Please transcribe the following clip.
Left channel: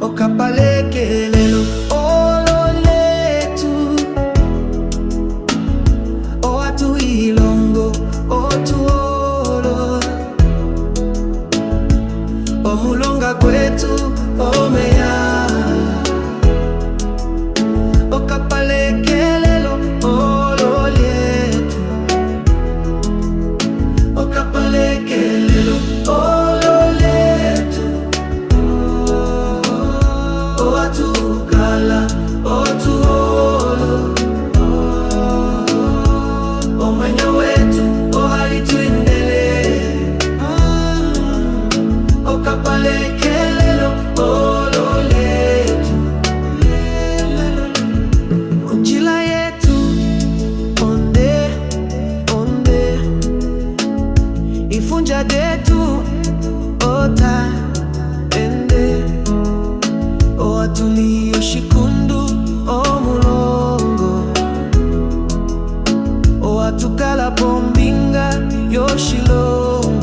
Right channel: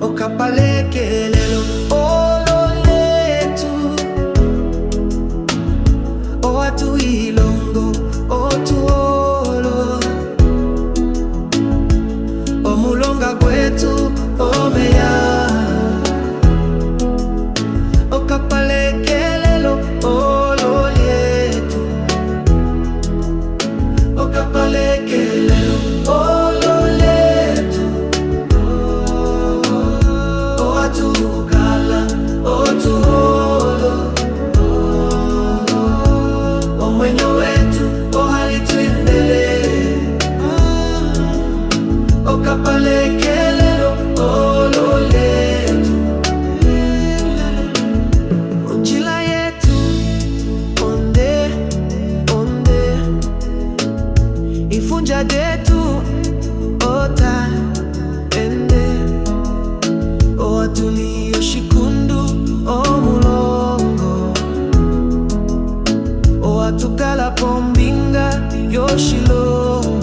Okapalekelelo olo letu, o atu ilongo otuolo, omulonga gwetu omeya. Okapalekelelo olo letu, okapalekelelo olo letu, o atukala otuolo, o mwenyo wetu o halitwindele. Okapalekelelo olo letu, unjila yetu onde onde, ifunja detu ota ende, o atulio shikundu o mulongo, o atukala pombinga yoshilongo.